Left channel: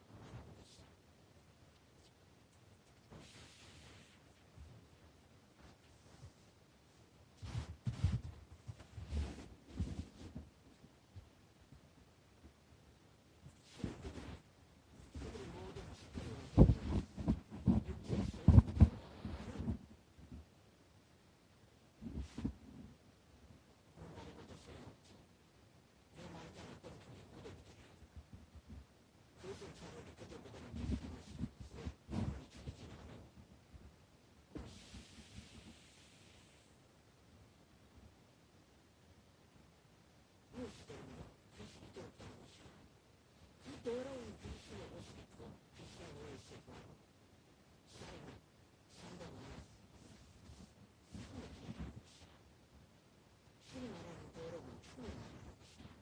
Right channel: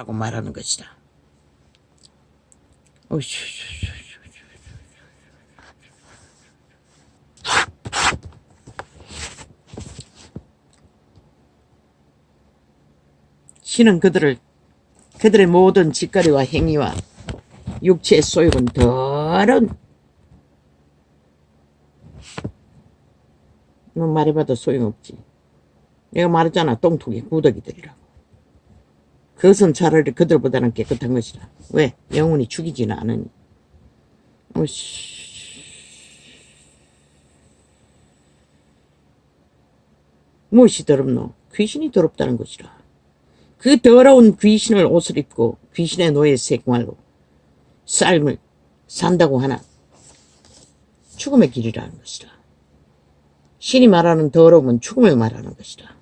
자라고 말하는 것이다. 신은 그들의 모든 짓거리와 행위와 육체의 소욕은 더러운, 뭐 말해봐도 소용없지. 내가 말했잖아, 똥통이 구더기들이라고. 그것은 차라리 그들보다는 깨끗한 것이다. 왜? 영혼이 죽이지는 않으니. 무엇이 더럽노? 귀신이 더럽다는 것이라. 그 더러운 귀신을 옷을 입고 귀신의 노예 생활로 삶을 산다고 하나 죽음의 길이라는 것이다. 신이 말하는 더러움은 죽음을 말하는 것이다.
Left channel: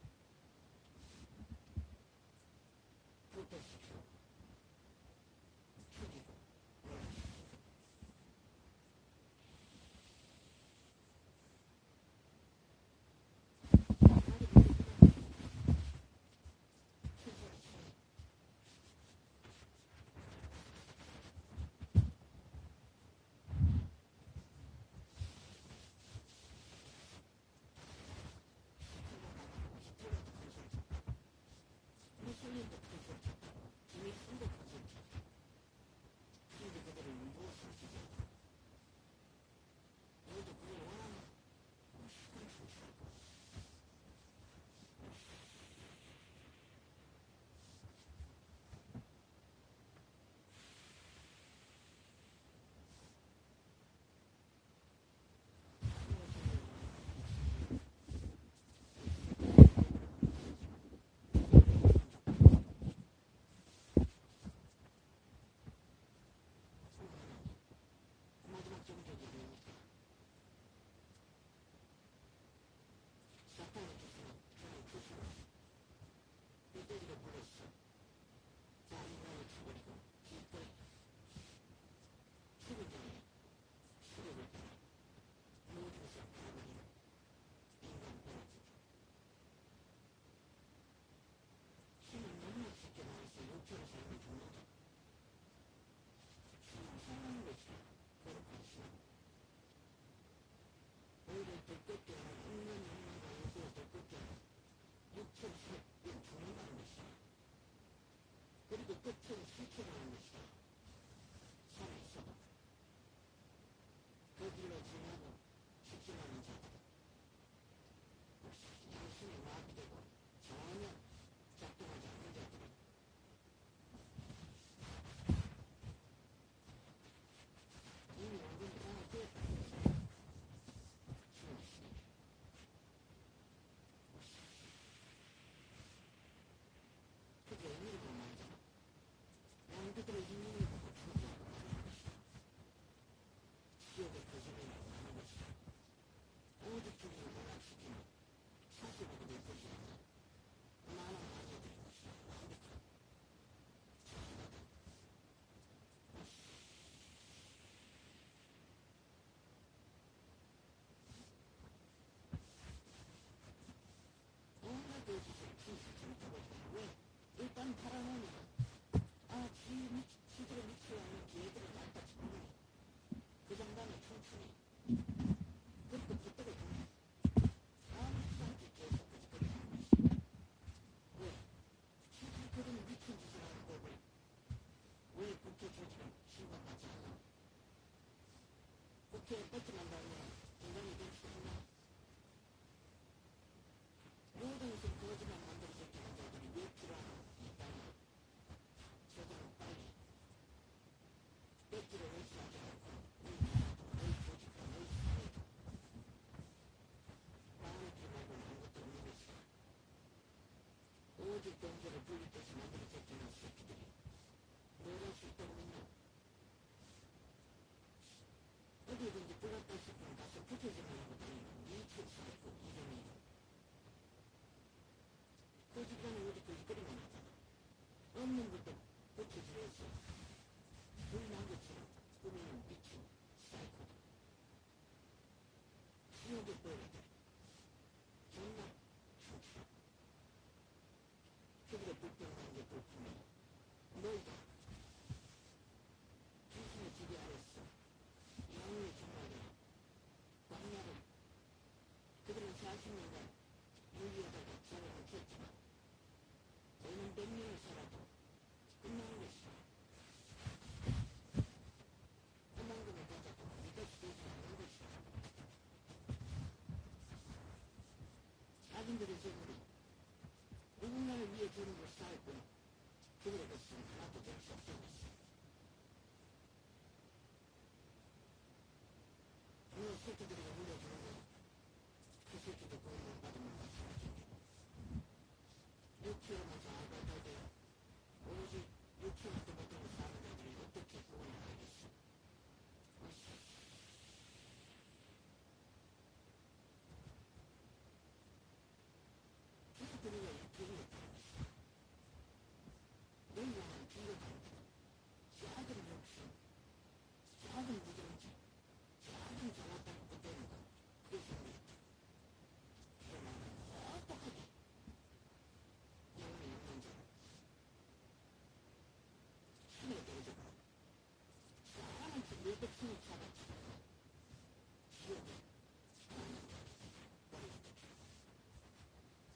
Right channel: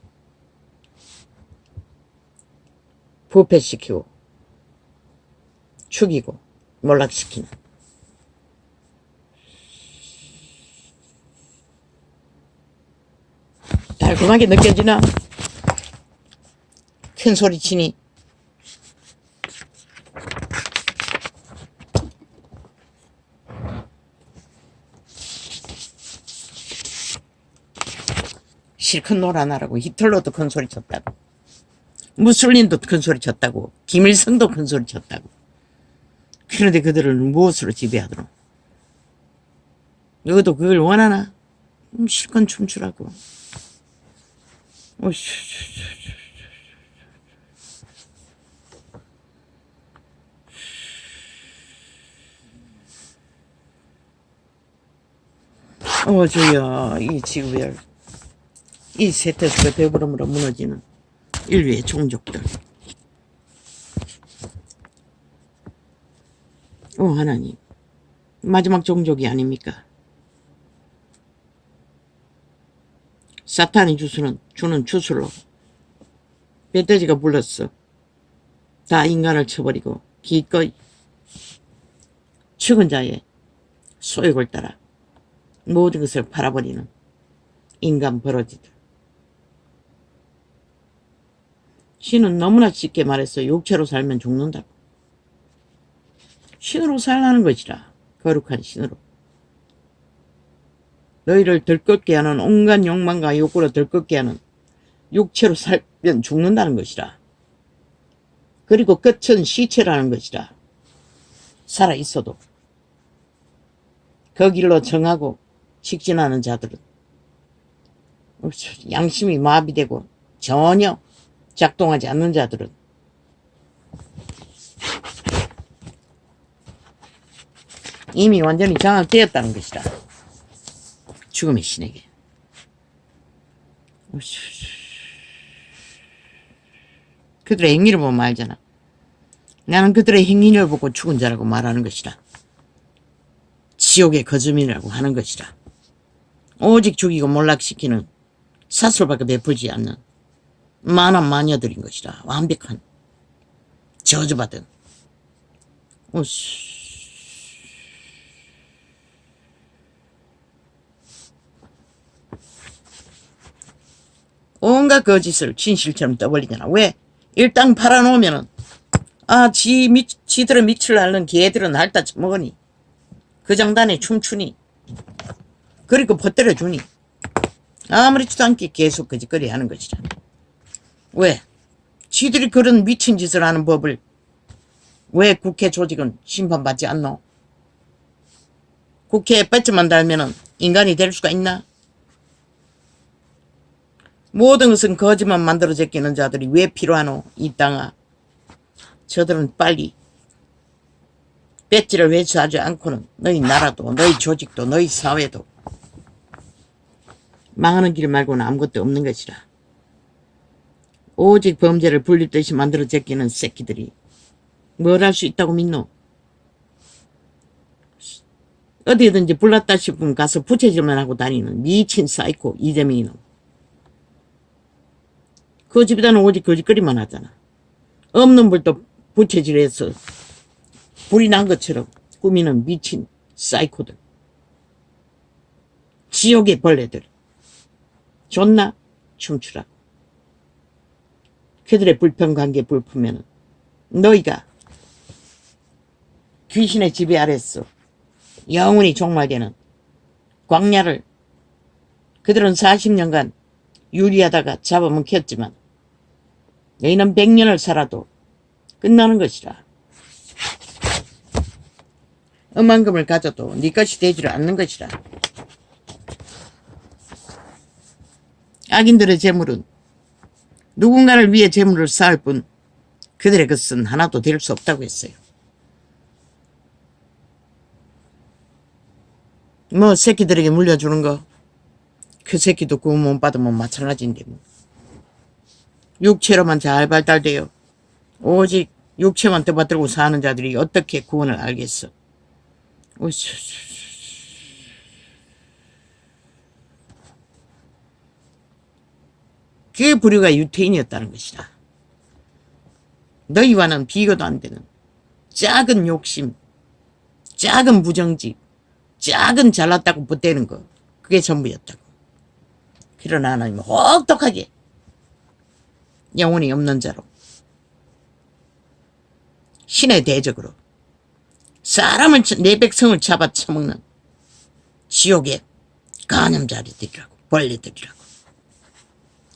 부패시키고 죽이고 몰락시키는. 달콤하게 느껴지나? 큰 소리 치니? 실컷 놀아나라고. 히틀러도 큰 소리 쳤다고. 무솔린도 큰 소리 쳤다고. 김일성도 큰 소리 쳤다고. 그런데 그들을 무엇으로 지배하더노? 너도 그걸 원하나? 실컷 춤추라고. 주여, 이 지구별, 이 세태수가 배부름으로 무너지는 인류의 종족들. 하나님, 마지막 종족이 아닙니까? 사탄이 주는 주술로 멧돼지가 불렀어. 다 인간을 쳐버리고 기꺼이 죽은 자의 소욕을 따라 모든 것을 팔아버리는 인간 버러지들. 신은 너무나 쉽게 말해서 육체로 살면 죽는다고. 신으로 살라는 것이라. 거룩한 신으로. 너희를 들끓게 하는 온갖 욕망과 욕구로 들끓게 하는 육체로 살면 죽는다는 것이라. 그리고 끝은 시체라는 것이라. 살아있어도 그 길로 정하고 직진하는 자들은 양심이 마비되고 전혀 작동하지 않는 자들은 이미 완전히 장악되었다는 것이다. 죽음의 신에게. 그들의 행위를 보면 알잖아. 나는 그들의 행위를 보고 죽은 자라고 말하는 것이다. 지옥의 거주민이라고 하는 것이다. 오직 죽이고 몰락시키는 사슬밖에 베풀지 않는 만한 마녀들인 것이다. 완벽한 저주받은. 온갖 거짓을 진실처럼 떠벌리잖아. 왜? 일당 팔아놓으면은 지들은 밑을 앓는 개들은 핥아 먹으니 그 장단에 춤추니 그리고 퍼뜨려 주니 아무렇지도 않게 계속 거짓거리 하는 것이다. 왜? 지들이 그런 미친 짓을 하는 법을 왜 국회 조직은 심판받지 않노? 국회에 배지만 달면은 인간이 될 수가 있나? 모든 것은 거짓만 만들어 제끼는 자들이 왜 필요하노? 이 땅아. 저들은 빨리 배지를 회수하지 않고는 너희 나라도 너희 조직도 너희 사회도 망하는 길 말고는 아무것도 없는 것이라. 오직 범죄를 불리듯이 만들어 제끼는 새끼들이 뭘 할 수 있다고 믿노? 어디든지 불났다 싶으면 가서 부채질만 하고 다니는 미친 사이코 이재명이 놈. 그 집에다는 오직 거짓거리만 하잖아. 없는 불도 부채질해서 불이 난 것처럼 꾸미는 미친 사이코들. 지옥의 벌레들. 좋나? 춤추라. 그들의 불평관계 불프면은 너희가 귀신의 지배 아래서 영원히 종말되는 광야를 그들은 40년간 유리하다가 잡아먹혔지만 너희는 100년을 살아도 끝나는 것이라. 억만금을 가져도 네 것이 되지를 않는 것이라. 악인들의 재물은 누군가를 위해 재물을 쌓을 뿐 그들의 것은 하나도 될 수 없다고 했어요. 뭐 새끼들에게 물려주는 거, 그 새끼도 구원 못 받으면 마찬가지인데 뭐. 육체로만 잘 발달되어 오직 육체만 떠받들고 사는 자들이 어떻게 구원을 알겠어. 그 부류가 유태인이었다는 것이다. 너희와는 비교도 안 되는 작은 욕심, 작은 부정직, 작은 잘났다고 보태는 거, 그게 전부였다고. 그러나 하나님은 혹독하게 영혼이 없는 자로 신의 대적으로 사람을, 내 백성을 잡아 처먹는 지옥의 간염자리들이라고, 벌레들이라고,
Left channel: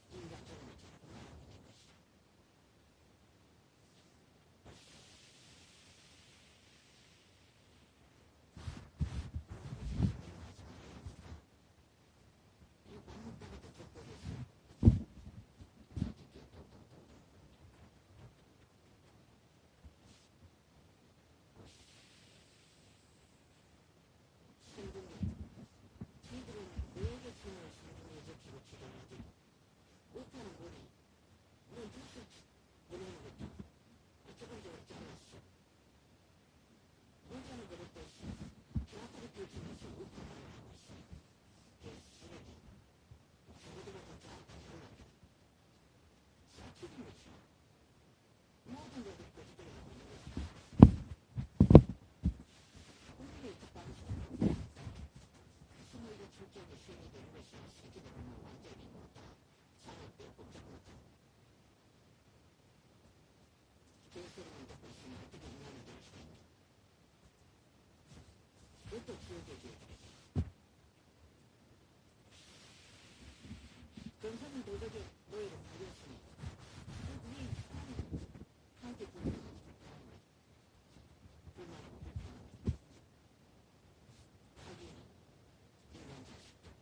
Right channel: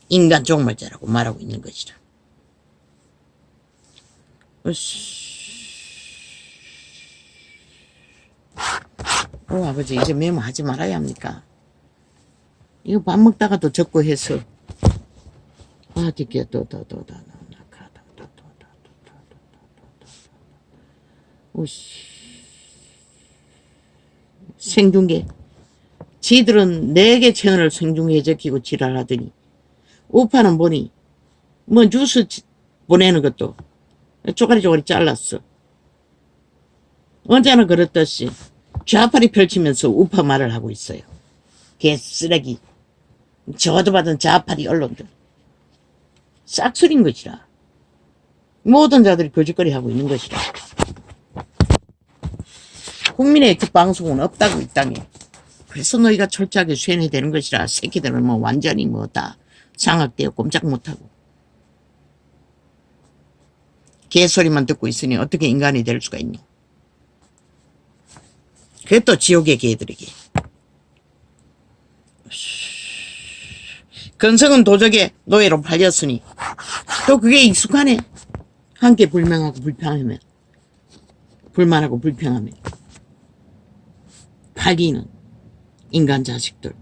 인간 종말자라고 말하고 있는 것이라. 아버지 이제 메모하지 말아야 합니까? 이거 밥 먹다가도 적고 해서 어디게 생중계. 지들은 4개 채널을 생중계 적히고 지랄하더니 우파는 보니 뭐 뉴스 보내는 것도 쪼가리 잘랐어. 언제나 그렇듯이 좌파리 펼치면서 우파 말을 하고 있어요. 개쓰레기. 저도 받은 좌파리 언론들. 싹쓸인 것이라. 모든 자들이 거짓거리 하고 있는 것이라. 국민의 그 방송은 없다고 이 땅에. 그래서 너희가 철저하게 쇠뇌 되는 것이라. 새끼들은 뭐 완전히 뭐 다 장악되어 꼼짝 못하고. 개소리만 듣고 있으니 어떻게 인간이 될 수가 있니? 그게 또 지옥의 개들에게. 근성은 도적의 노예로 팔렸으니 또 그게 익숙하네. 함께 불명하고 불평하면, 불만하고 불평하면 팔리는 인간 자식들.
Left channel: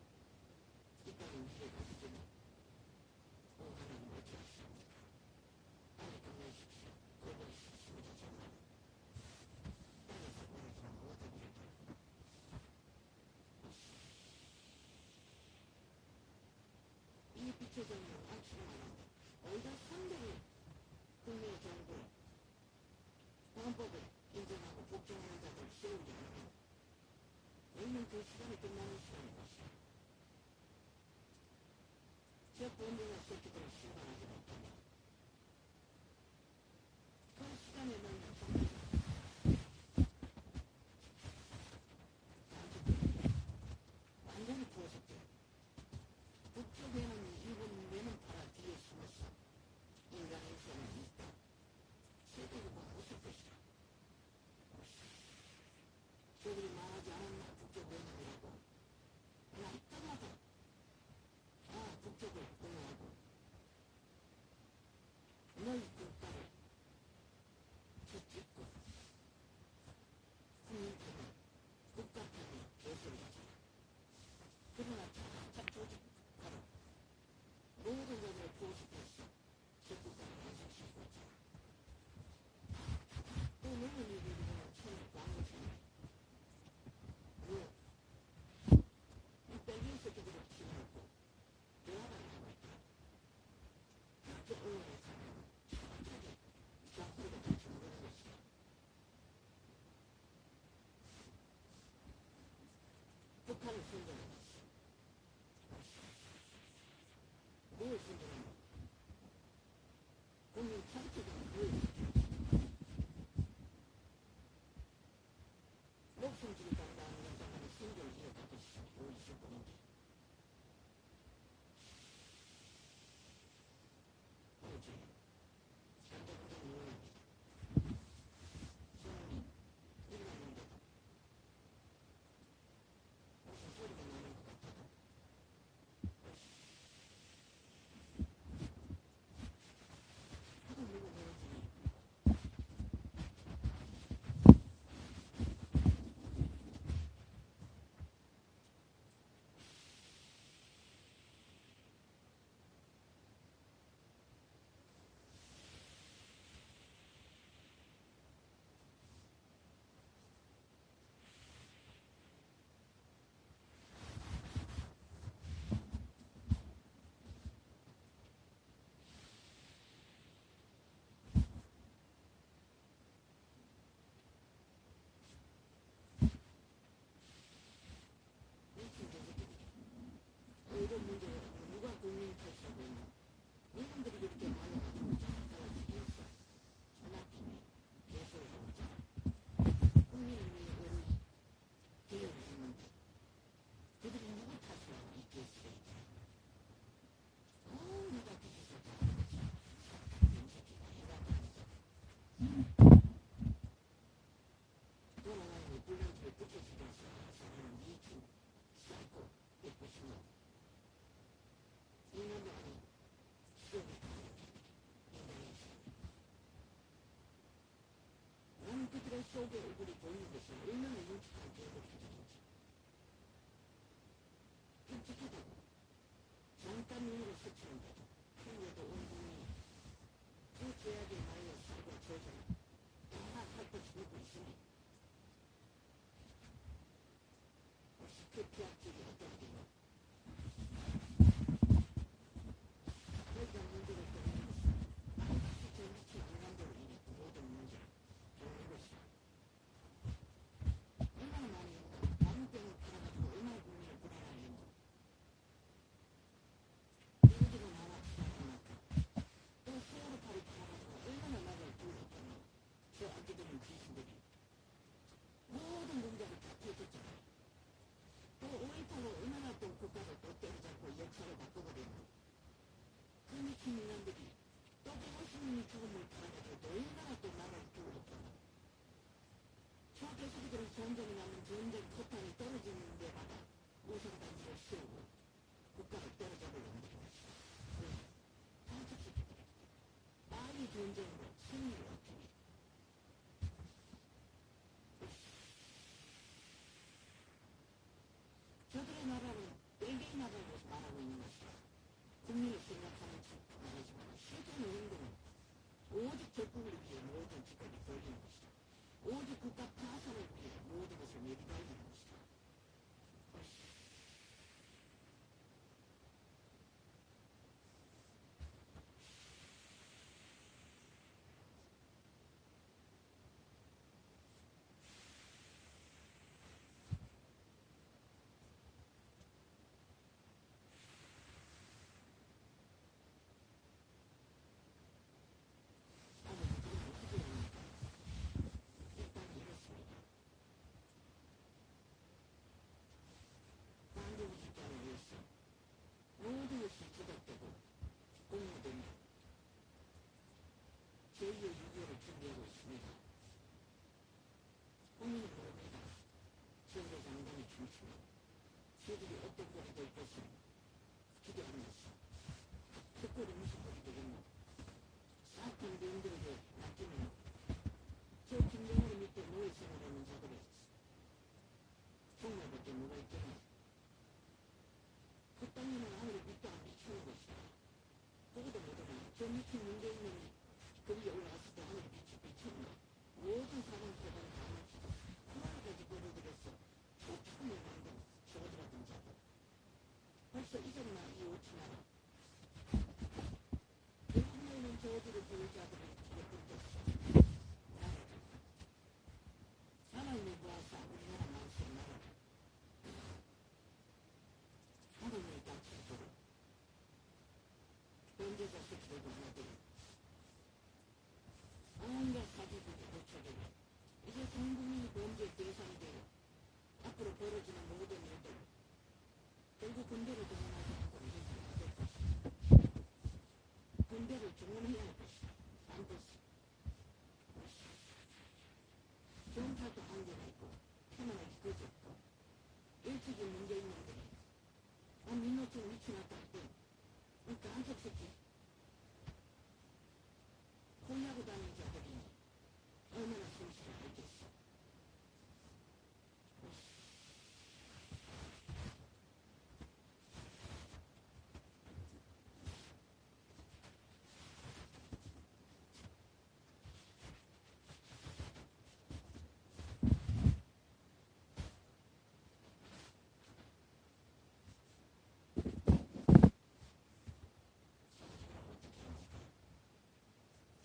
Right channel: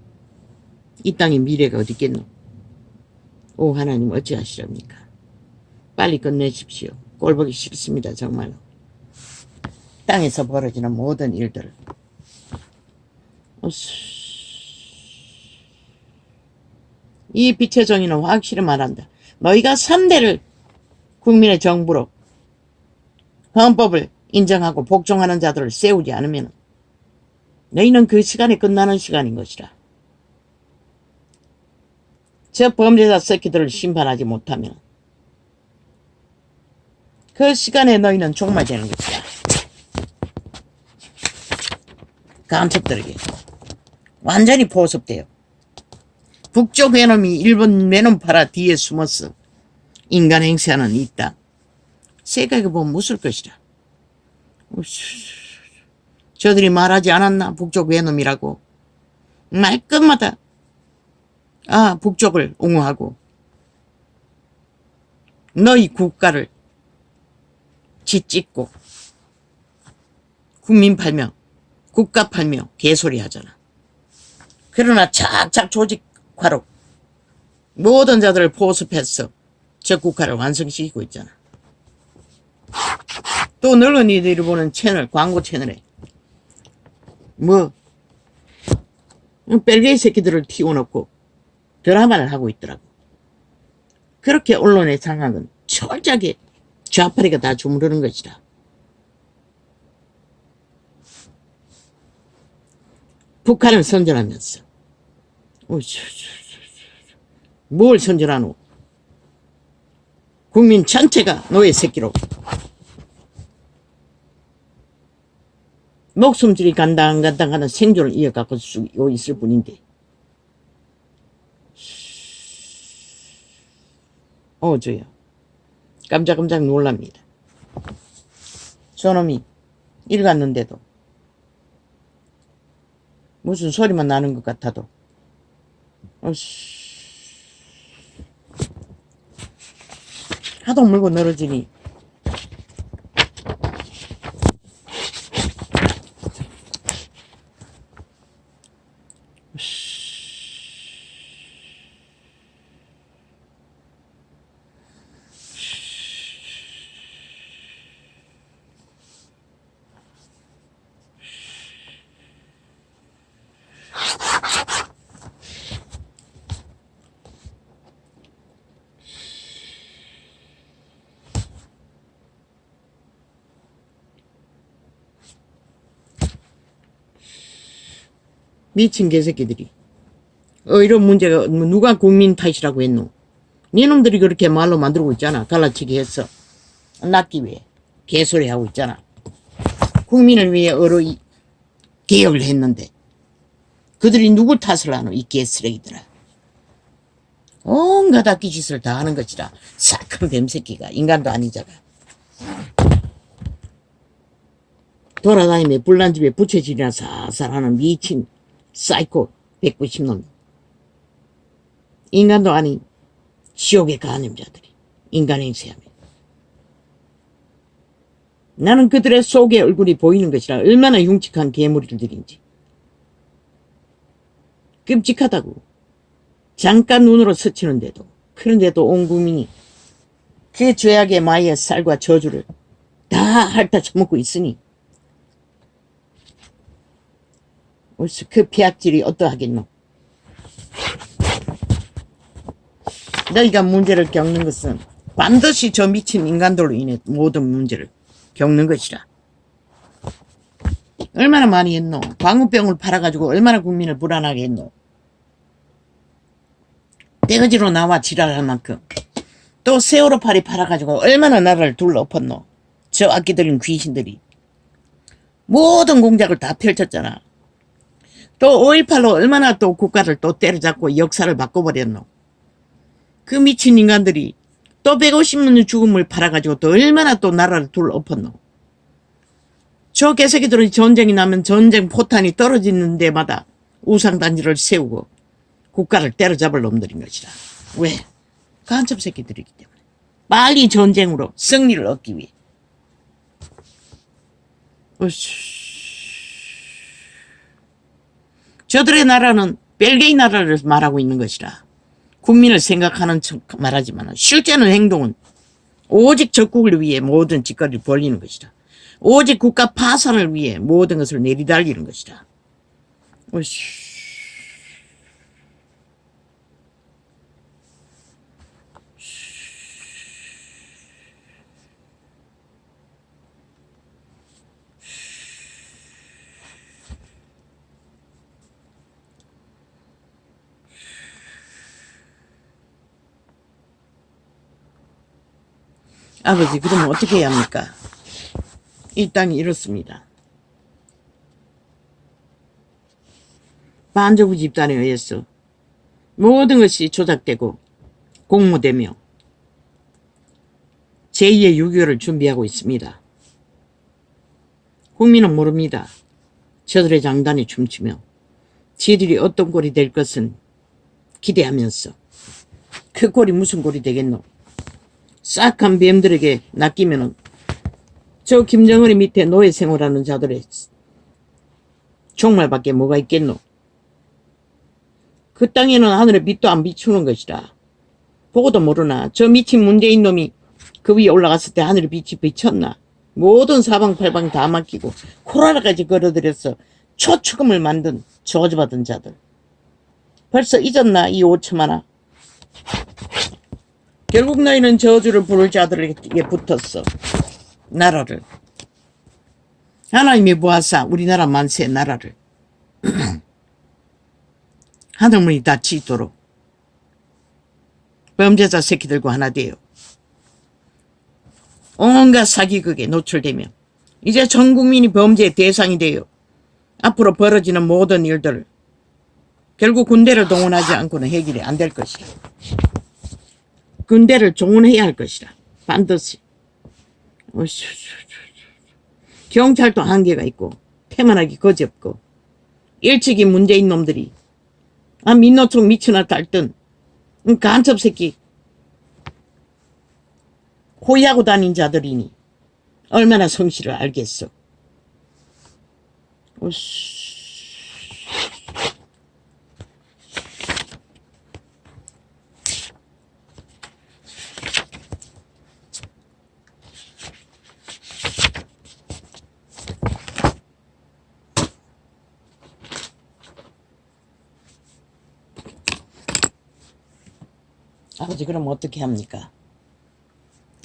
이 땅에 미래가 어디 있겠노? 오 하나님 어찌하시렵니까? 빨리 끝내십시오. 꼴보기 싫습니다. 정말로. 땅에서 벌어지는 모든 일들을. 이 빛의 정의는 확실히 말한다. 너희가 3대를 국민의 정부로 헌법을 인정하고 복종하는 자들을 세우지 않으면 너희는 그 시간에 끝나는 시간인 것이라. 저 범죄자 새끼들을 심판하지 못하면 그 시간에 너희는 종말되는 것이다. 간첩들에게 완전히 포섭돼요. 북쪽 외놈이 일본 외놈 팔아 뒤에 숨어서 인간 행세하는 이 땅. 세계에 보면 무술 것이라. 저들이 말하지 않았나? 북쪽 외놈이라고. 말끝마다 북쪽을 옹호하고 너희 국가를 짓찍고 국민 팔며 국가 팔며 개소리 하잖아. 그러나 착착 조직화로 모든 자들을 포섭해서 저 국가를 완성시키고 있잖아. 또 늙은이들이 보는 채널, 광고 채널에 뭐 뺄개이 새끼들을 튀어놓고 드라마를 하고 있더라고. 그렇게 언론의 장악은 철저하게 좌파리가 다 주무르는 것이다. 북한을 선전하면서 뭘 선전하노? 국민 전체가 노예 새끼로 목숨줄이 간당간당 하는 생존을 이어가고 있을 뿐인데 저요 깜짝깜짝 놀랍니다. 저놈이 읽었는데도 무슨 소리만 나는 것 같아도 하도 물고 늘어지니 미친 개새끼들이. 이런 문제가 누가 국민 탓이라고 했노? 니놈들이 그렇게 말로 만들고 있잖아. 갈라치기 했어. 낫기 위해. 개소리 하고 있잖아. 국민을 위해 개혁을 했는데 그들이 누굴 탓을 하노? 이 개쓰레기들아. 온갖 악기 짓을 다 하는 것이라. 싹한 뱀새끼가. 인간도 아니잖아. 돌아다니며 불난집에 부채질이나 살살 하는 미친 사이코 190놈. 인간도 아닌 지옥의 간염자들이 인간의 행세하며. 나는 그들의 속의 얼굴이 보이는 것이라 얼마나 흉측한 괴물들인지. 끔찍하다고. 잠깐 눈으로 스치는데도, 그런데도 온 국민이 그 죄악의 마의 쌀과 저주를 다 핥아 처먹고 있으니 그 피악질이 어떠하겠노? 너희가 문제를 겪는 것은 반드시 저 미친 인간들로 인해 모든 문제를 겪는 것이라. 얼마나 많이 했노? 광우병을 팔아가지고 얼마나 국민을 불안하게 했노? 떼거지로 나와 지랄할 만큼. 또 세월호파리 팔아가지고 얼마나 나라를 둘러엎었노? 저 악기 들린 귀신들이. 모든 공작을 다 펼쳤잖아. 또 5.18로 얼마나 또 국가를 또 때려잡고 역사를 바꿔버렸노? 그 미친 인간들이 또 150년 죽음을 팔아가지고 또 얼마나 또 나라를 둘러엎었노? 저 개새끼들은 전쟁이 나면 전쟁 포탄이 떨어지는 데마다 우상단지를 세우고 국가를 때려잡을 놈들인 것이라. 왜? 간첩 새끼들이기 때문에. 빨리 전쟁으로 승리를 얻기 위해. 저들의 나라는 벨기에 나라를 말하고 있는 것이라. 국민을 생각하는 척 말하지만 실제는 행동은 오직 적국을 위해 모든 짓거리를 벌이는 것이라. 오직 국가 파산을 위해 모든 것을 내리달리는 것이라. 아버지, 그러면 어떻게 해야 합니까? 이 땅이 이렇습니다. 반정부 집단에 의해서 모든 것이 조작되고 공모되며 제2의 6.25를 준비하고 있습니다. 국민은 모릅니다. 저들의 장단에 춤추며 지들이 어떤 꼴이 될 것은 기대하면서 그 꼴이 무슨 꼴이 되겠노? 싹한 뱀들에게 낚이면은 저 김정은이 밑에 노예 생활하는 자들의 종말밖에 뭐가 있겠노? 그 땅에는 하늘의 빛도 안 비추는 것이라. 보고도 모르나? 저 미친 문재인 놈이 그 위에 올라갔을 때 하늘의 빛이 비쳤나? 모든 사방팔방 다 맡기고 코로나까지 걸어들여서 초축음을 만든 저주받은 자들. 벌써 잊었나? 이 5천만아. 결국 너희는 저주를 부를 자들에게 붙었어. 나라를. 하나님이 보아사 우리나라 만세 나라를 하늘문이 닫히도록 범죄자 새끼들과 하나 되어 온갖 사기극에 노출되며 이제 전 국민이 범죄의 대상이 되어 앞으로 벌어지는 모든 일들을 결국 군대를 동원하지 않고는 해결이 안 될 것이라. 군대를 동원해야 할 것이라. 반드시. 경찰도 한계가 있고 태만하기 거지없고 일찍이 문제인 놈들이 민노총 미치나 달든 간첩 새끼 호위하고 다닌 자들이니 얼마나 성실을 알겠어. 오씨. 아버지 그럼 어떻게 합니까?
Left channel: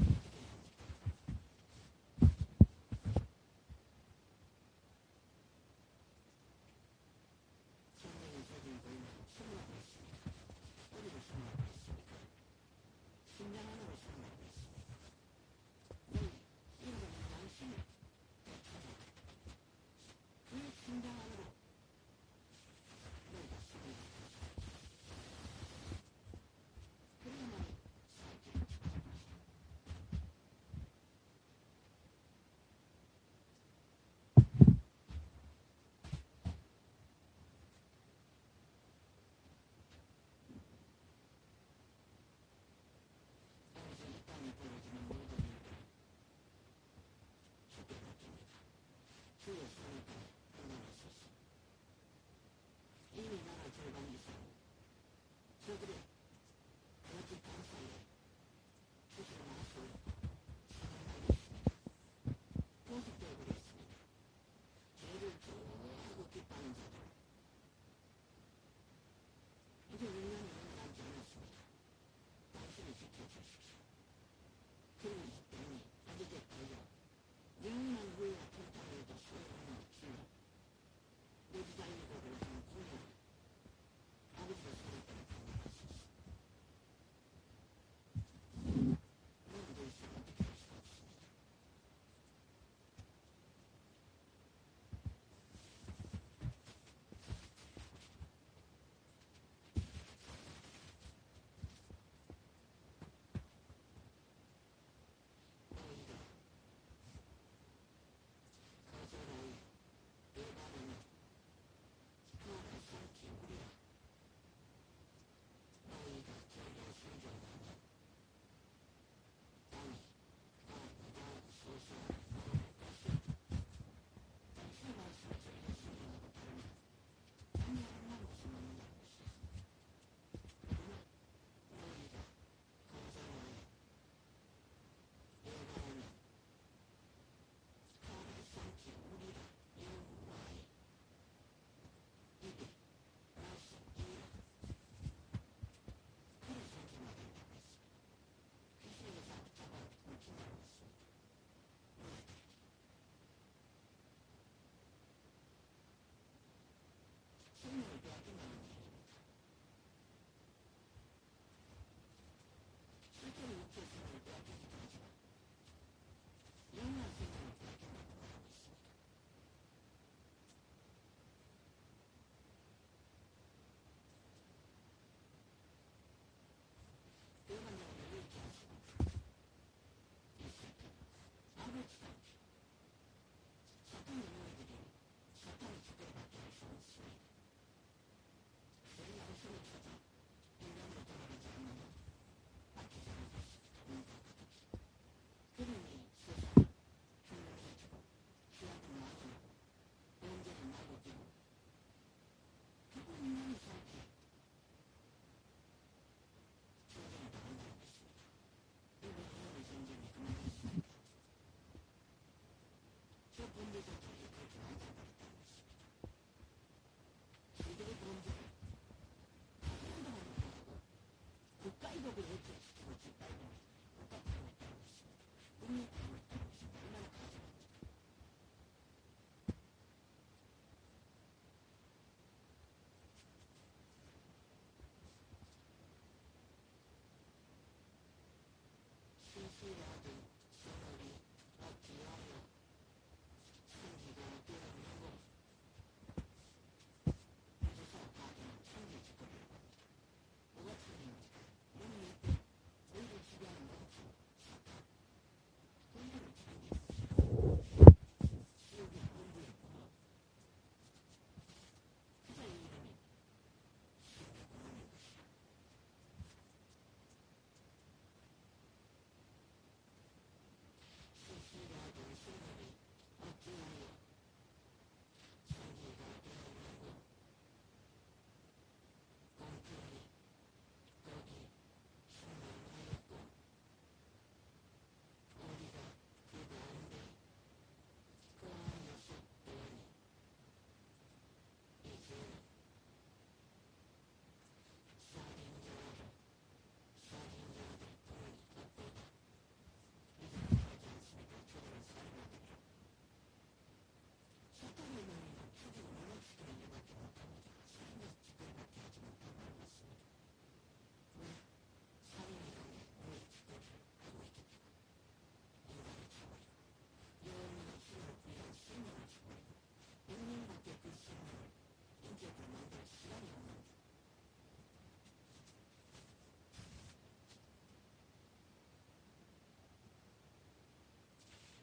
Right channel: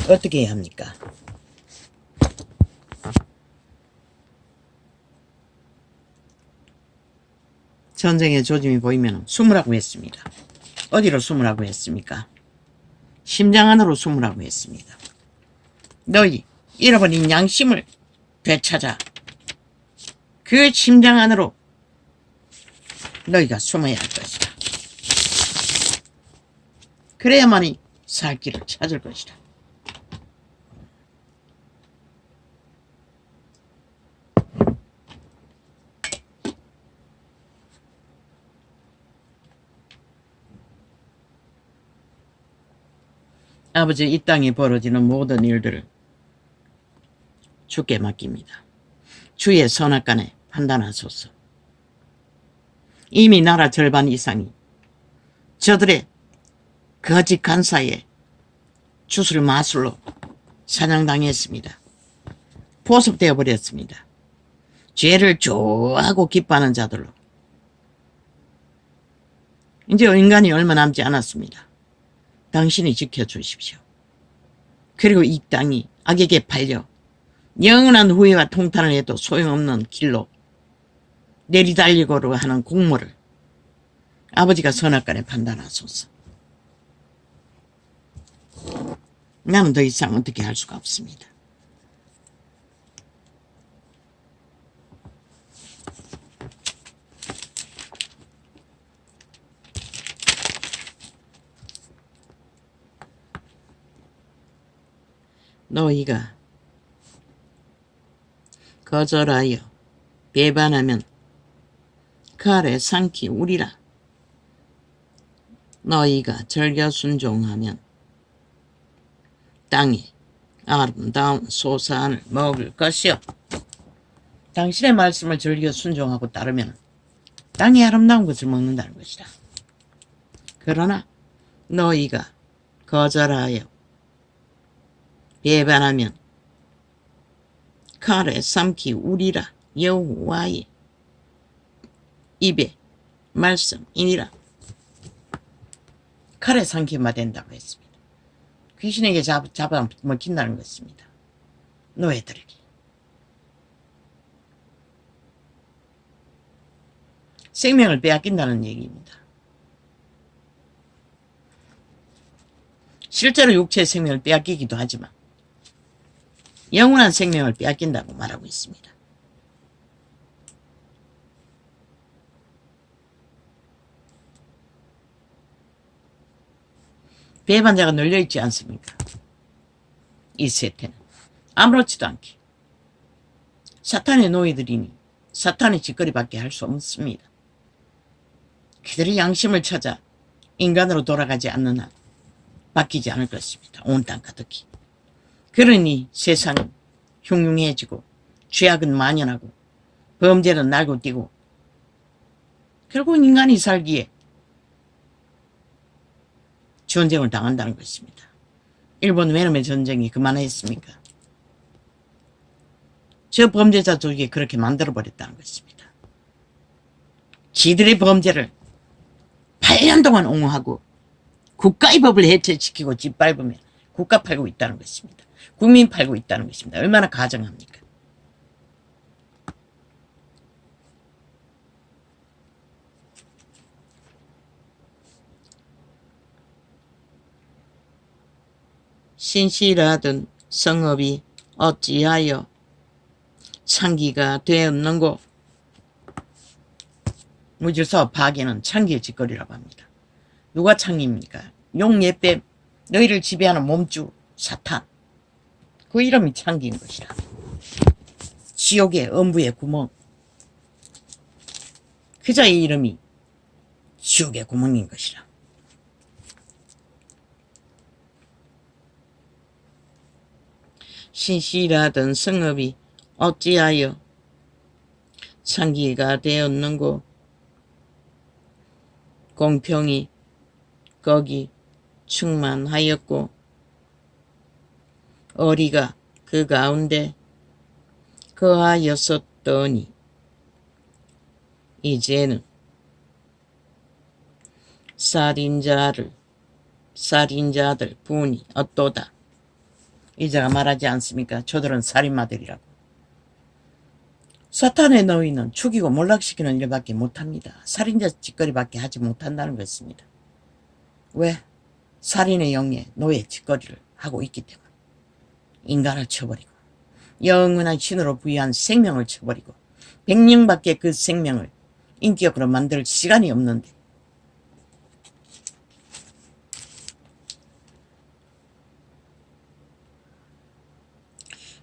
어떻게 해야 합니까? 전쟁의 조짐이 보이면 숨으라고 했습니다. 어디로 숨으라고 했습니까? 심장 안으로 숨으라고 했습니다. 너희 잃어버린 양심을 되찾아 그 심장 안으로 너희가 숨어야 할 것이다. 그래야만이 살 길을 찾을 것이다. 아버지 이 땅에 벌어지는 모든 일들을 주께 맡깁니다. 주의 선악간에 판단하소서. 이미 나라 절반 이상이 저들의 거짓 간사에 주술 마술로 사냥당했습니다. 포섭되어 버렸습니다. 죄를 좋아하고 기뻐하는 자들로. 이제 인간이 얼마 남지 않았습니다. 당신이 지켜주십시오. 그리고 이 땅이 악에게 팔려 영원한 후회와 통탄을 해도 소용없는 길로 내리달리고로 하는 공모를 아버지가 선악간에 판단하소서. 나는 더 이상 어떻게 할 수가 없습니다. 너희가 거절하여 배반하면 그 아래 상키 우리라. 너희가 절겨 순종하면 땅에 아름다운 소산을 먹을 것이요. 당신의 말씀을 절겨 순종하고 따르면 땅에 아름다운 것을 먹는다는 것이다. 그러나 너희가 거절하여 배반하면 칼에 삼키 우리라. 여호와의 입에 말씀이니라. 칼에 삼키면 된다고 했습니다. 귀신에게 잡아 먹힌다는 것입니다. 노예들에게. 생명을 빼앗긴다는 얘기입니다. 실제로 육체의 생명을 빼앗기기도 하지만 영원한 생명을 빼앗긴다고 말하고 있습니다. 배반자가 널려있지 않습니까? 이 세태는 아무렇지도 않게 사탄의 노예들이니 사탄의 짓거리밖에 할 수 없습니다. 그들의 양심을 찾아 인간으로 돌아가지 않는 한 바뀌지 않을 것입니다. 온 땅 가득히. 그러니 세상은 흉흉해지고 죄악은 만연하고 범죄는 날고 뛰고 결국 인간이 살기에 전쟁을 당한다는 것입니다. 일본 베트남의 전쟁이 그만했습니까? 저 범죄자 쪽이 그렇게 만들어버렸다는 것입니다. 지들의 범죄를 8년 동안 옹호하고 국가의 법을 해체시키고 짓밟으며 국가 팔고 있다는 것입니다. 국민 팔고 있다는 것입니다. 얼마나 가정합니까? 신실하던 성읍이 어찌하여 창기가 되었는고. 무질서 파괴는 창기의 짓거리라고 합니다. 누가 창기입니까? 용예뱀, 너희를 지배하는 몸주 사탄. 그 이름이 창기인 것이라. 지옥의 엄부의 구멍. 그자의 이름이 지옥의 구멍인 것이라. 신실하던 성읍이 어찌하여 창기가 되었는고. 공평이 거기 충만하였고 어리가 그 가운데 거하였었더니 이제는 살인자들 분이 어떠다. 이자가 말하지 않습니까? 저들은 살인마들이라고. 사탄의 너희는 죽이고 몰락시키는 일밖에 못합니다. 살인자 짓거리밖에 하지 못한다는 것입니다. 왜? 살인의 영에 노예 짓거리를 하고 있기 때문에. 인간을 쳐버리고 영원한 신으로 부여한 생명을 쳐버리고 100명밖에 그 생명을 인격으로 만들 시간이 없는데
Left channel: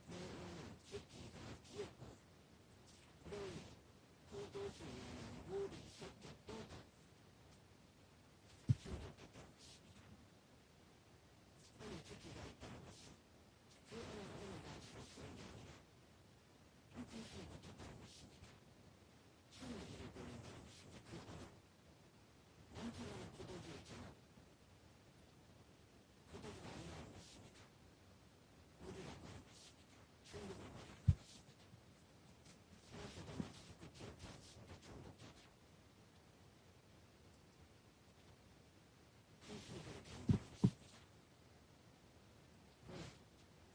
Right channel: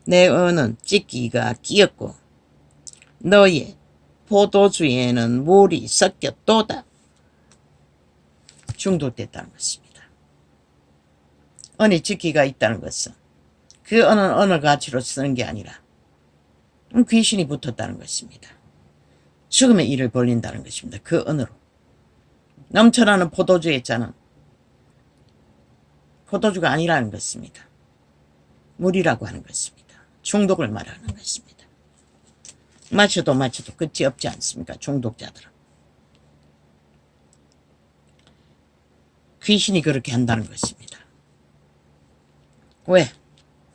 내 언은 찢기가 끼었고 너의 포도주에는 물이 섞였도다. 중독됐다는 것입니다. 언이 찢기가 있다는 것은 그 언은 언어 가치로 쓰는 게 아니라 귀신이 붙었다는 것입니다. 죽음의 일을 벌린다는 것입니다. 그 언어로. 넘쳐나는 포도주의 잔은 포도주가 아니라는 것입니다. 물이라고 하는 것입니다. 중독을 말하는 것입니다. 마셔도 끝이 없지 않습니까? 중독자들은. 귀신이 그렇게 한다는 것입니다. 왜?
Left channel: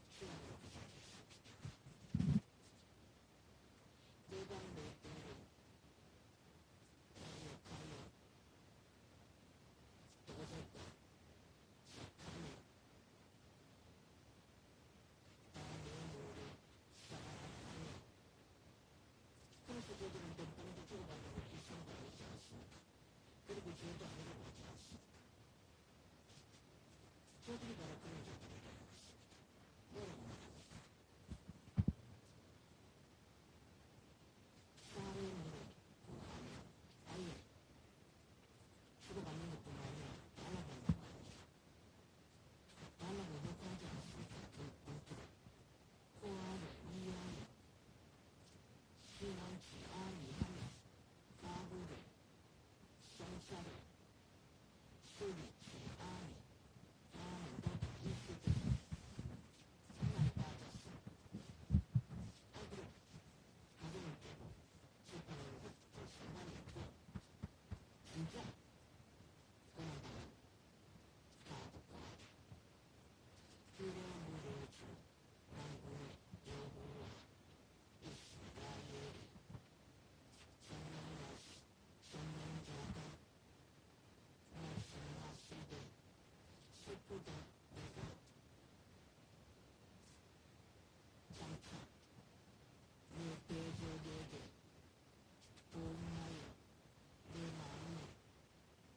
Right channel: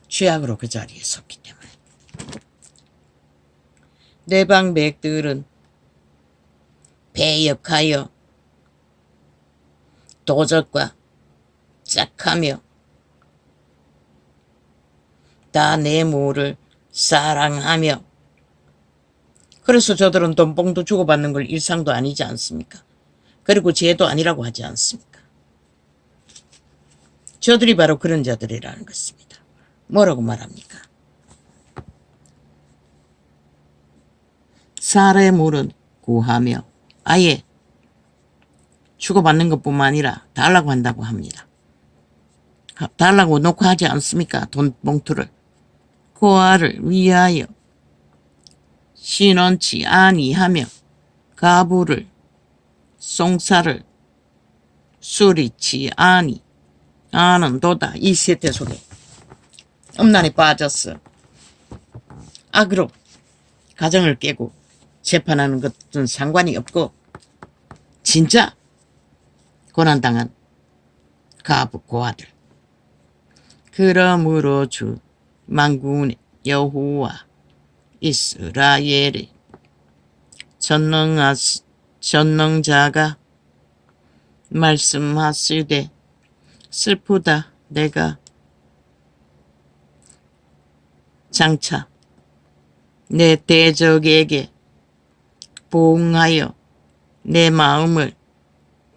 죄악으로 그 자리에 섰기 때문에. 내방백들은 배역하여 도적과 짝하며 다 내 무를 사랑하며. 그래서 저들은 돈봉도 주고받는 걸 일상도 아니지 않습니까? 그리고 죄도 아니라고 하지 않습니까? 저들이 바로 그런 자들이라는 것입니다. 뭐라고 말합니까? 살의 물은 구하며 아예 주고받는 것뿐만 아니라 달라고 한다고 합니다. 달라고 놓고 하지 않습니까? 돈 봉투를. 고아를 위하여 신원치 아니하며 가부를 송사를 수리치 아는도다. 이 세태 속에 음란에 빠졌어. 악으로 가정을 깨고 재판하는 것은 상관이 없고 진짜 고난당한 가부 고아들. 그러므로 주 만군의 여호와 이스라엘의 전능자가 말씀하시되 슬프다. 내가 장차 내 대적에게 보응하여 내 마음을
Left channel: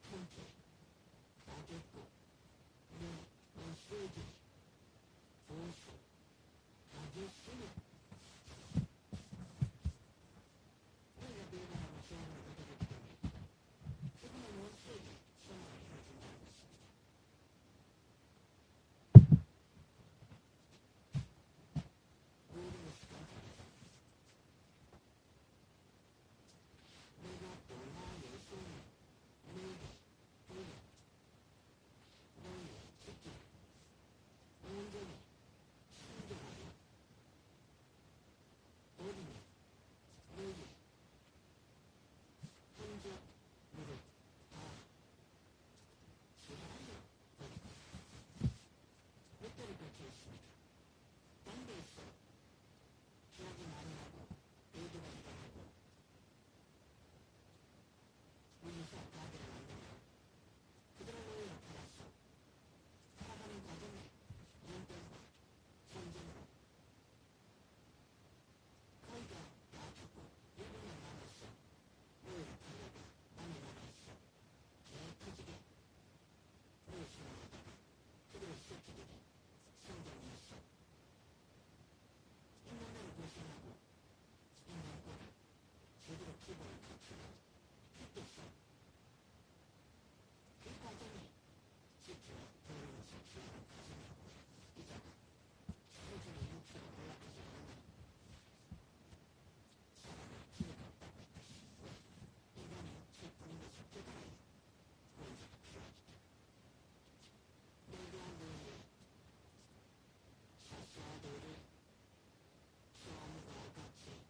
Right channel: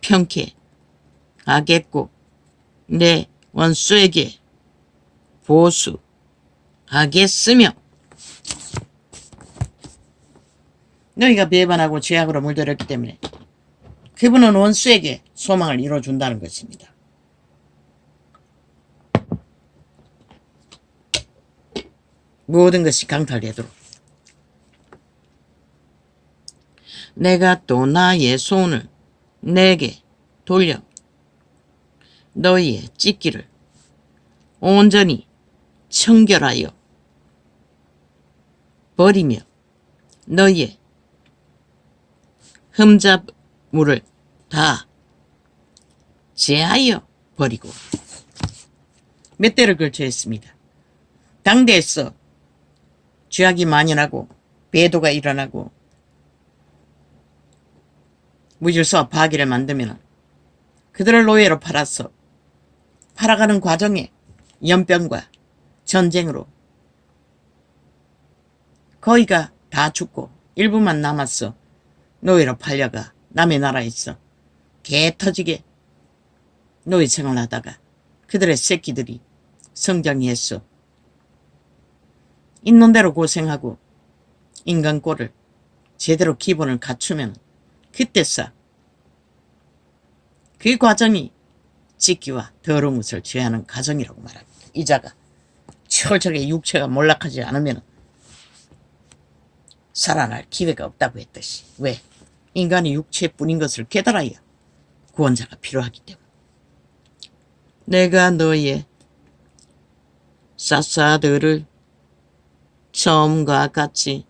평케 하겠고 내 원수에게 보수하겠으며. 너희가 배반하고 죄악으로 물들였기 때문에 그분은 원수에게 소망을 이뤄준다는 것입니다. 모든 것이 강탈되도록. 내가 또 나의 손을 내게 돌려 너희의 찢기를 온전히 청결하여 버리며 너희의 흠잡물을 다 제하여 버리고. 몇 대를 걸쳐 했습니다. 당대에서 죄악이 만연하고 배도가 일어나고 무질서와 파괴를 만들면 그들을 노예로 팔아가는 과정에 연병과 전쟁으로 거의가 다 죽고 일부만 남았어. 노예로 팔려가 남의 나라에서 개 터지게 노예 생활하다가 그들의 새끼들이 성장했어. 있는 대로 고생하고 인간꼴을 제대로 기본을 갖추면 그때서 그 과정이 찢기와 더러운 것을 제하는 과정이라고 말합니다. 이자가 철저하게 육체가 몰락하지 않으면 살아날 기회가 없다고 했듯이. 왜? 인간이 육체뿐인 것을 깨달아야 구원자가 필요하기 때문에. 내가 너의 사사들을 처음과 같이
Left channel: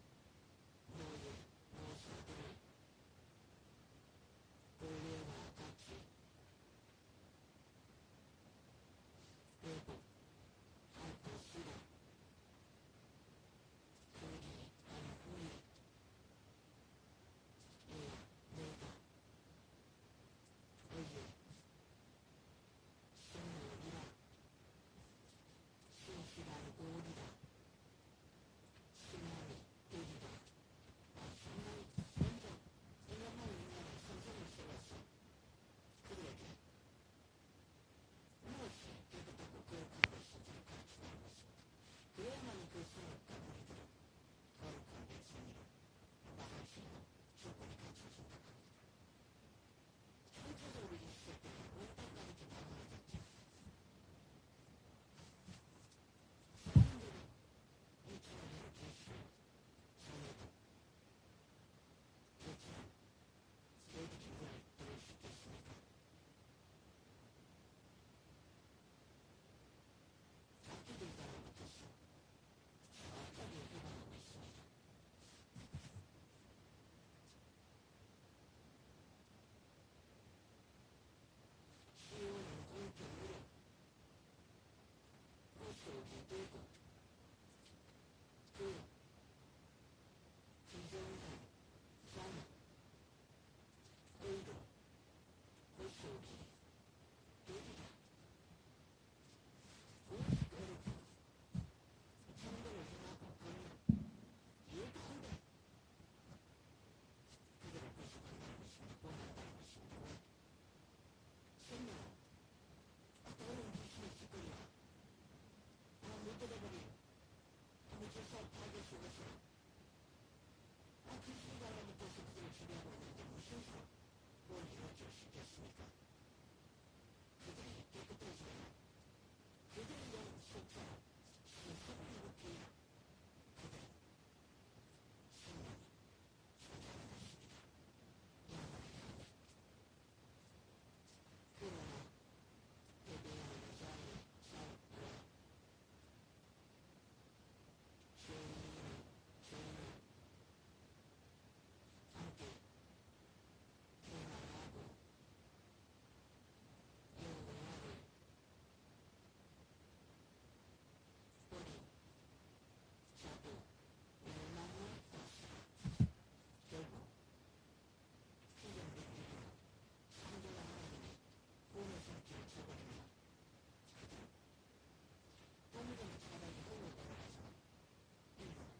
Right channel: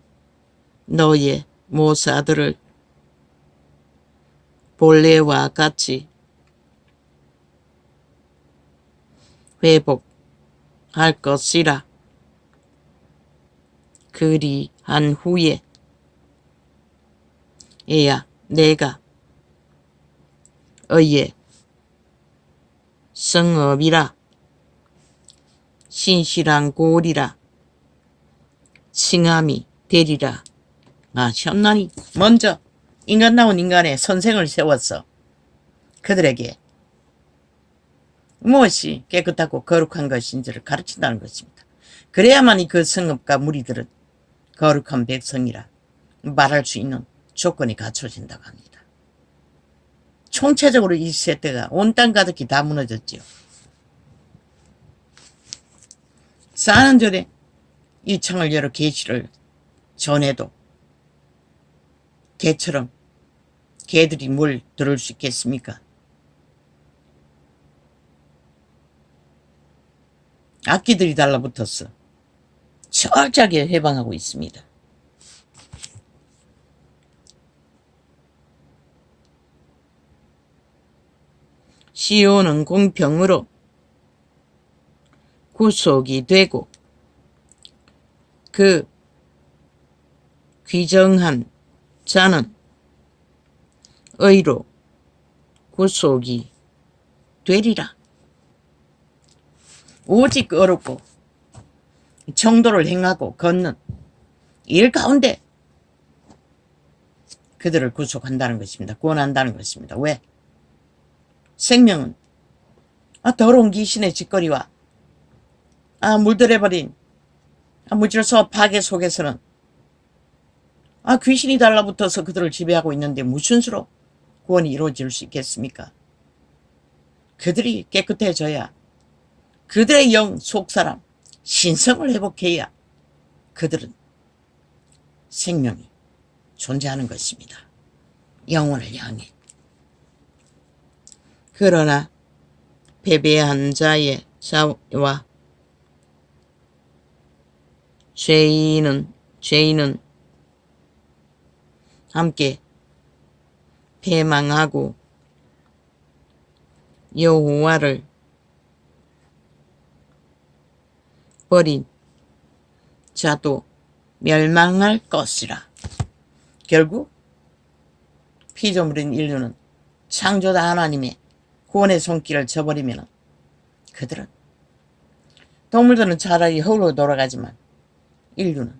너의 모사들을 본래와 같이 회복할 것이라. 그리한 후에 에야 내가 의의 성읍이라 신실한 골이라 칭함이 되리라 하셨나니. 먼저 인간다운 인간의 선생을 세웠어. 그들에게 무엇이 깨끗하고 거룩한 것인지를 가르친다는 것입니다. 그래야만이 그 성읍과 무리들은 거룩한 백성이라 말할 수 있는 조건이 갖춰진다고 합니다. 총체적으로 이 세대가 온 땅 가득히 다 무너졌지요. 사는 전에 이 창을 열어 계시를 전해도 개처럼 개들이 뭘 들을 수 있겠습니까? 악기들이 달라붙었어. 철저하게 해방하고 있습니다. 시온은 공평으로 구속이 되고 그 귀정한 자는 의로 구속이 되리라. 오직 어렵고 정도를 행하고 걷는 일 가운데 그들을 구속한다는 것입니다. 구원한다는 것입니다. 왜? 생명은 더러운 귀신의 짓거리와 물들여버린 무질서 파괴 속에서는 귀신이 달라붙어서 그들을 지배하고 있는데 무슨 수로 구원이 이루어질 수 있겠습니까? 그들이 깨끗해져야 그들의 영 속사람 신성을 회복해야 그들은 생명이 존재하는 것입니다. 영혼을 향해. 그러나 패배한 자의 자와 죄인은 함께 패망하고 여호와를 버린 자도 멸망할 것이라. 결국 피조물인 인류는 창조자 하나님의 구원의 손길을 저버리면 그들은, 동물들은 차라리 흙으로 돌아가지만 인류는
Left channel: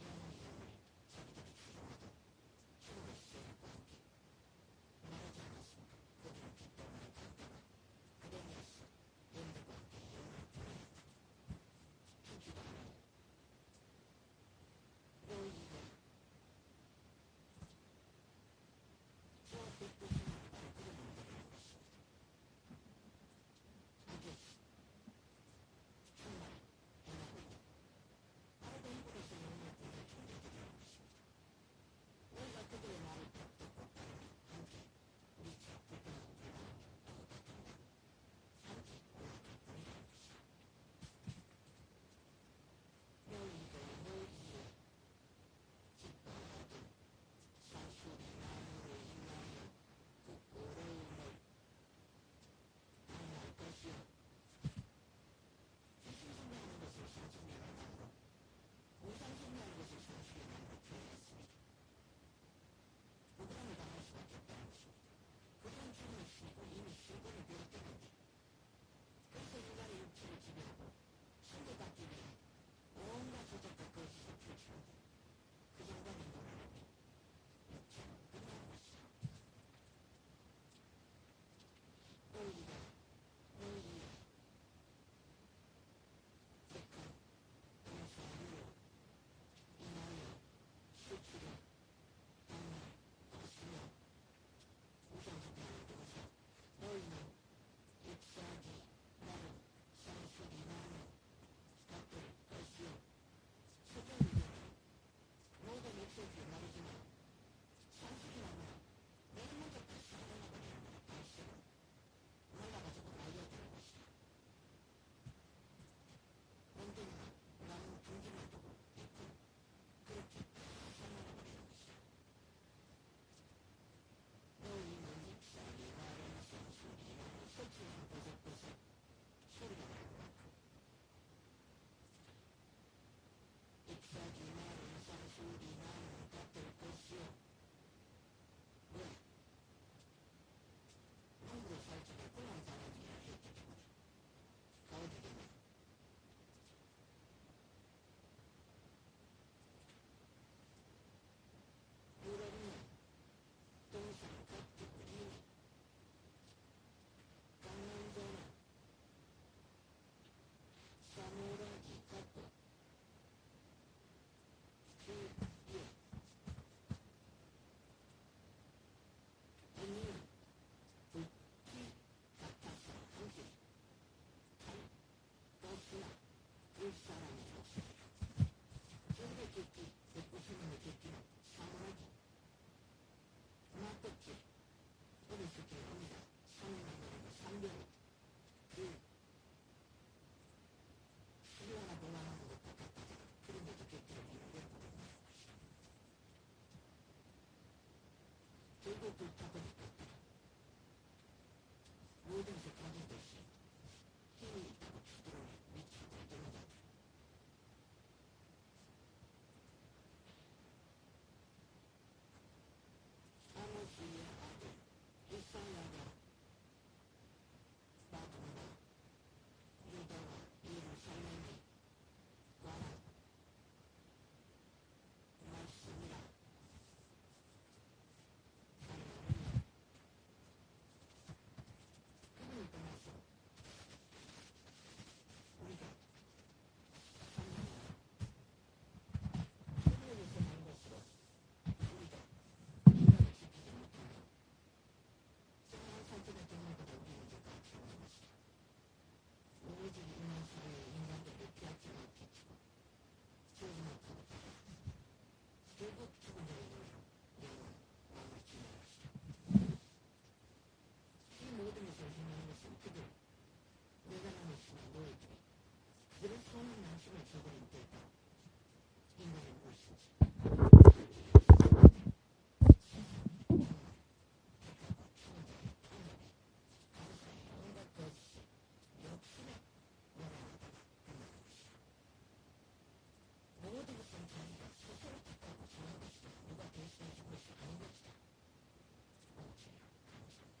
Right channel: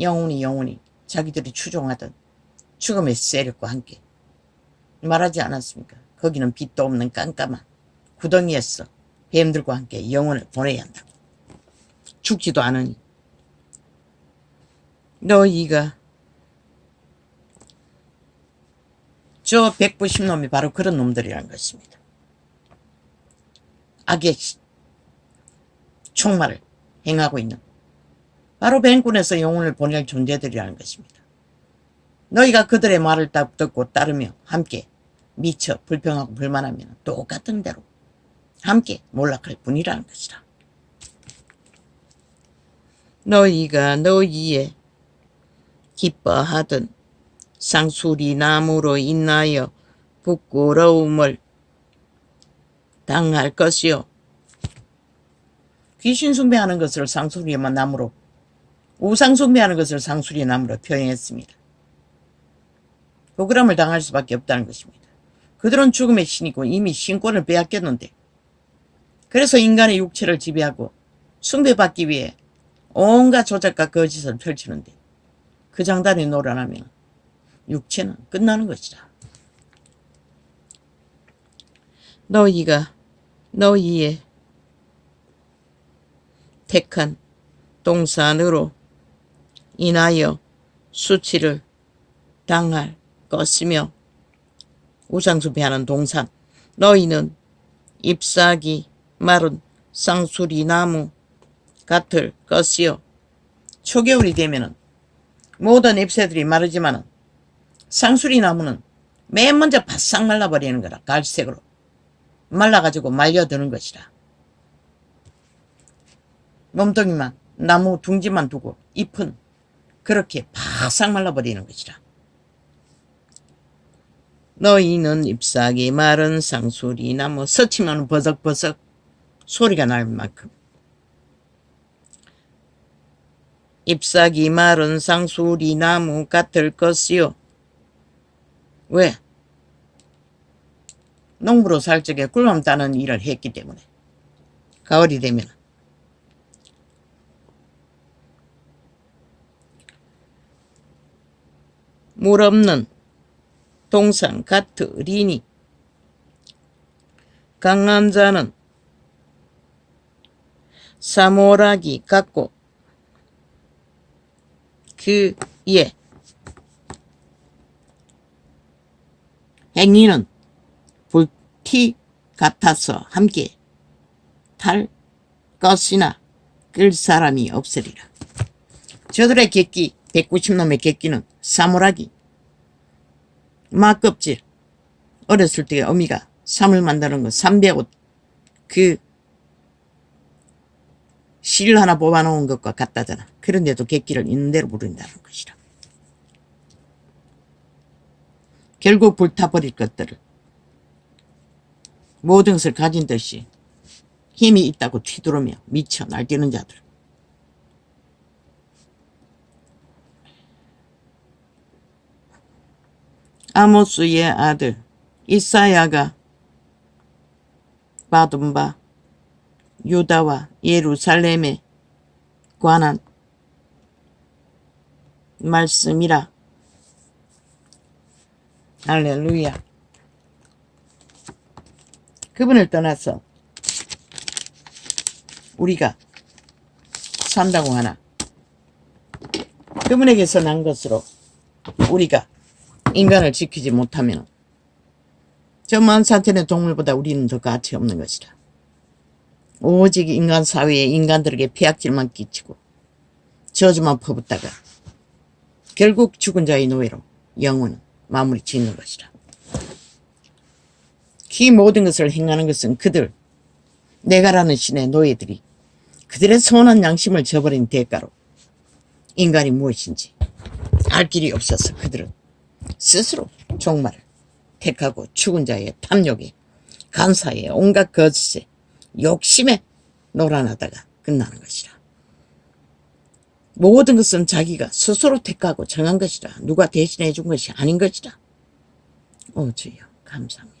영원히 자기들이 추종하던 죽음의 세력과 함께, 말하지 않았습니까? 거기는 빛도 없는 깜깜한 구덩이에서 뱀들과 함께 영혼을 보내야 한다고. 죽지도 않으니. 너희가 저 190놈이 바로 그런 놈들이라는 것입니다. 악의 총말을 행하고 있는 바로 뱀꾼에서 영혼을 보낼 존재들이라는 것입니다. 너희가 그들의 말을 듣고 따르며 함께 미쳐 불평하고 불만하면 똑같은 대로 함께 몰락할 뿐이라는 것이라. 너희가 너희의 기뻐하던 상수리 나무로 인하여 부끄러움을 당할 것이요. 귀신 숭배하는 것을 상수리 나무로, 우상 숭배하는 것을 상수리 나무로 표현했습니다. 억울함을 당할 수밖에 없다는 것입니다. 그들은 죽음의 신이고 이미 신권을 빼앗겼는데, 그래서 인간의 육체를 지배하고 숭배받기 위해 온갖 조작과 거짓을 펼치는데, 그 장단에 놀아나면 육체는 끝나는 것이다. 너희가 너희의 택한 동산으로 인하여 수치를 당할 것이며 우상숭배하는 동산 너희는 잎사귀 마른 쌍수리나무 같을 것이요. 초겨울이 되면은 모든 잎새들이 마르지만은 쌍수리나무는 맨 먼저 바싹 말라버리는 거라. 갈색으로 말라가지고 말려드는 것이라. 몸뚱이만 나무 둥지만 두고 잎은 그렇게 바싹 말라버리는 것이라. 너희는 잎사귀 마른 쌍수리나무 스치면 버석버석 소리가 날 만큼 잎사귀 마른 쌍수리나무 같을 것이요. 왜? 농부로 살 적에 꿀밤 따는 일을 했기 때문에 가을이 되면 물 없는 동산 같으리니 강한 자는 사모라기 같고 그의 행위는 불티 같아서 함께 탈 것이나 끌 사람이 없으리라. 저들의 객기 190놈의 객기는 사모라기 막껍질 어렸을 때 어미가 삼을 만드는 거 300옷 그 실 하나 뽑아놓은 것과 같다잖아. 그런데도 객기를 있는 대로 부른다는 것이라. 결국 불타버릴 것들을 모든 것을 가진 듯이 힘이 있다고 튀두르며 미쳐 날뛰는 자들. 아모스의 아들 이사야가 받은 바 유다와 예루살렘에 관한 말씀이라. 할렐루야. 그분을 떠나서 우리가 산다고 하나 그분에게서 난 것으로 우리가 인간을 지키지 못하면 저 만사천의 동물보다 우리는 더 가치 없는 것이라. 오직 인간 사회에 인간들에게 폐악질만 끼치고 저주만 퍼붓다가 결국 죽은 자의 노예로 영혼은 마무리 짓는 것이라. 이 모든 것을 행하는 것은 그들 내가라는 신의 노예들이 그들의 선한 양심을 저버린 대가로 인간이 무엇인지 알 길이 없어서 그들은 스스로 종말을 택하고 죽은 자의 탐욕에 간사에 온갖 거짓에 욕심에 놀아나다가 끝나는 것이라. 모든 것은 자기가 스스로 택하고 정한 것이라. 누가 대신해 준 것이 아닌 것이라. 오 주여 감사합니다.